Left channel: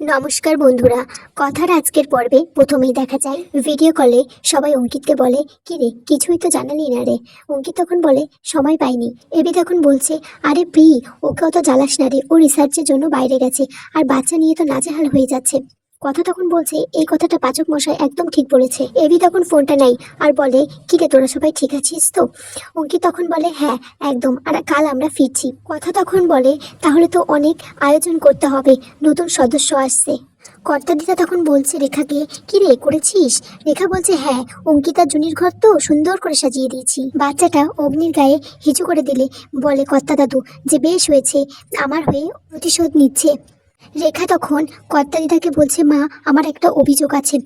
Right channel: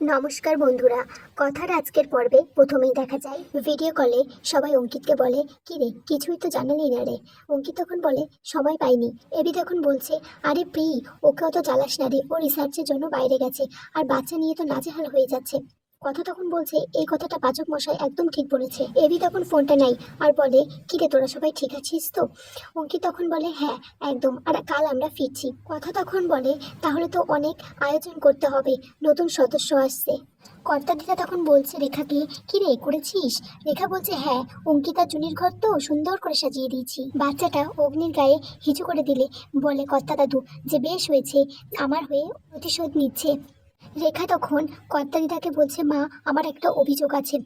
নমস্কার বন্ধুরা। কথার আজকের পর্বে প্রথমেই দেখা যায় ভিডিও কলে সবাই অঙ্কিতকে বলে, কি রে, কিছুই তো জানালি না রে। অঙ্কিত তখন বলে, সময় পাইনি। এবি তখন বলছে, আরে পি ওকে অত জ্বালাস না রে, ও রিসার্চের জন্য বাইরে গেছে, আর বাচ্চা নিয়ে তো নাজেহাল হয়ে যাচ্ছে। কথা তখন বলছে, এই কথাটা পাচক মশাই একদম ঠিক বলেছে। এবি তখন ফোনটা নেই আর বলে, কি রে, তোরা সবাই ঠিক আছিস তো? অঙ্কিত তখন বলে হ্যাঁ একদম। আর কাল আমরা ফিরছি। কথা তখন বলে, তাহলে তো অনেক আয়োজন করতে হবে। নতুন সদস্য আসছে। কর্তা কর্তাদিতা তখন বলছে রেখাকে কি রে, করেছিস? রেখা বলছে হ্যাঁ অঙ্কিতা জুনির ঘর তো সুন্দর করে সাজিয়ে দিয়েছি। বাচ্চাটা অগ্নির গায়ে হিচু করে দিলে। বলে, কর্তা দাদু, যে বেশ হয়েছে, আমার হয়ে প্রতিশোধ নিচ্ছে। রেখা তখন কর্তা দিদাকে বলছে, মা, আমার একটা অভিযোগ আছে।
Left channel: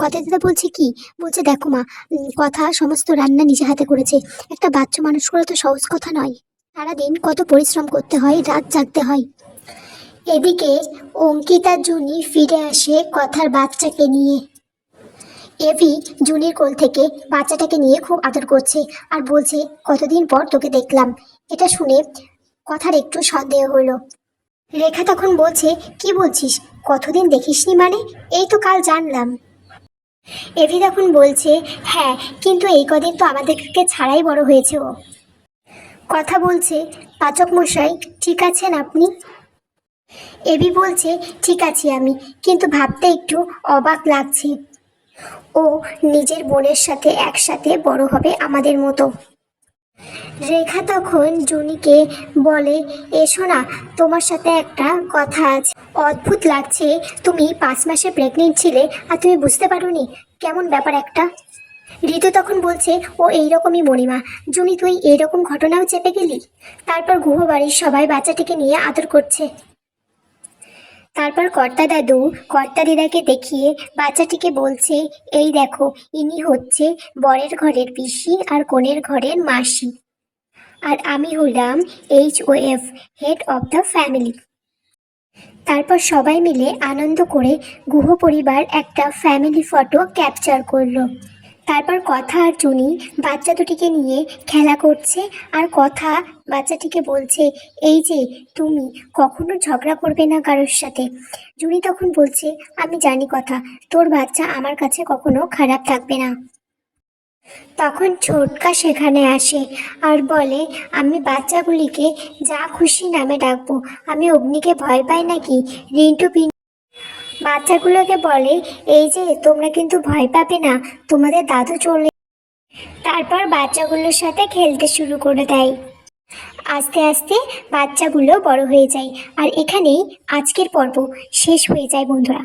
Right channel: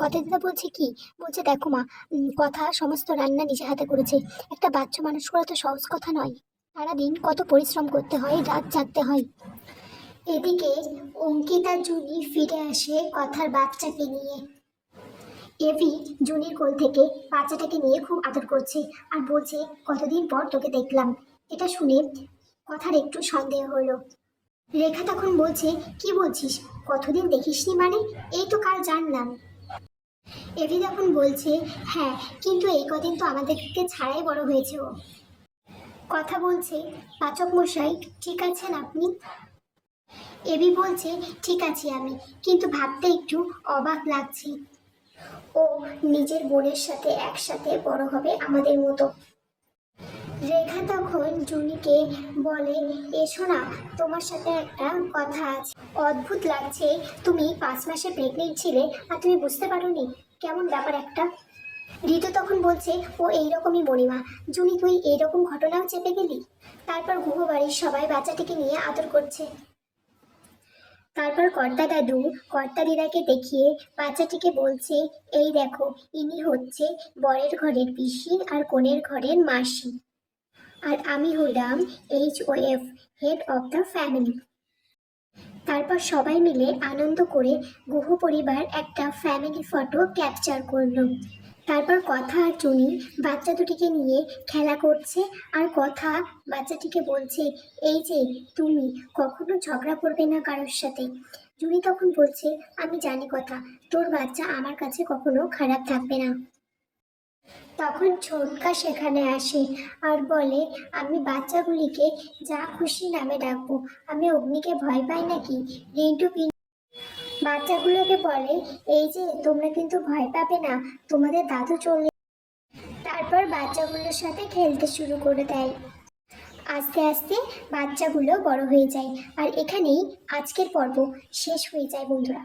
কর্তা দিদা বলছে, কি? বলছে, দেখো মা কথা সমস্ত রান্না নিজে হাতে করেছে। একটা বাচ্চা মানুষ করা তো সহজ কথা নয়। সারাদিন কত পরিশ্রম করতে হয়, রাত জাগতে হয়। এদিকে অঙ্কিতা জুনি ফিরে আসে কথার বাচ্চাকে নিয়ে। এভি জুনির কোল থেকে বাচ্চাটাকে নিয়ে খুব আদর করছে আর বলছে, কতদিন পর তোকে দেখলাম। এটা শুনে কথার একটু সন্দেহ হলো। রেখা তখন বলছে, কি বলছিস? কতদিন দেখিসনি মানে? এই তো কাল জানলাম। এভি তখন বলছে হ্যাঁ কিন্তু এই কদিন তো আমাদেরকে ছাড়াই বড় হয়েছে ও। কথা বলছে, পাচক মশাই, ঠিক আছেন আপনি? এবি বলছে, ঠিক আছি আমি, কিন্তু ভাবতে একটু অবাক লাগছে। ও নিজের বোনের সাথে একসাথে বড় হবে আমাদের মতো। রেখা তখন জুনিকে বলে এসো না তোমার সাথে একটা কথা আছে। অদ্ভুত লাগছে, তুমি পাঁচ মাসে প্রেগনেন্ট ছিলে আর তুমি বুঝতে পারোনি। কেমন ব্যাপার একটা? ঋতু তখন বলছে, ও এইরকমই মরিমা জুনি, তুই এইরকম ঘটনাও চেপে গেলি? তারপর গুহ বাড়ির সবাই বাচ্চাটিকে নিয়ে আদর করছে। তারপর কর্তা দাদু, কর্তা দিদাকে দেখিয়ে বাচ্চাটিকে বলছে, এই দেখো, ইনি হচ্ছে বরের ঘরের পিসি আর কোণের ঘরের মাসি। আর আমি হলাম H O F head of the family তারপর সবাই মিলে আনন্দ করে গুহ পরিবার একটা ফ্যামিলি ফটো ক্যাপচার করল। তারপর কথা আর চুনি বাচ্চা দুটিকে নিয়ে খেলা করছে আর কথা বাচ্চাটিকে বলছে, এই যে, তুমি কখনো ঝগড়া করবে না কারোর সাথে? জুনি তখন বলছে, আমি জানি কথা, তোর বাচ্চা আমার কাছে কখনো খারাপ থাকবে না। তখন ছোটকা সেখানে আসে আর বলে, আমি বাচ্চাগুলিকে যা খুশি নামে ডাকবো, আমি অগ্নিকে ভয় পাই নাকি? রিন্টু বাচ্চাগুলোকে বলে, এই যে, তোমরা কিন্তু ভয় পাবে না, তোমাদের দাদু চলে তারপর বাচ্চাগুলোর সাথে খেলতে শুরু করে দেয়। আস্তে আস্তে বাচ্চাগুলো বড় হয়ে যায়। আর এখানেই আজকের পর্ব শেষ হয়ে যায় বন্ধুরা।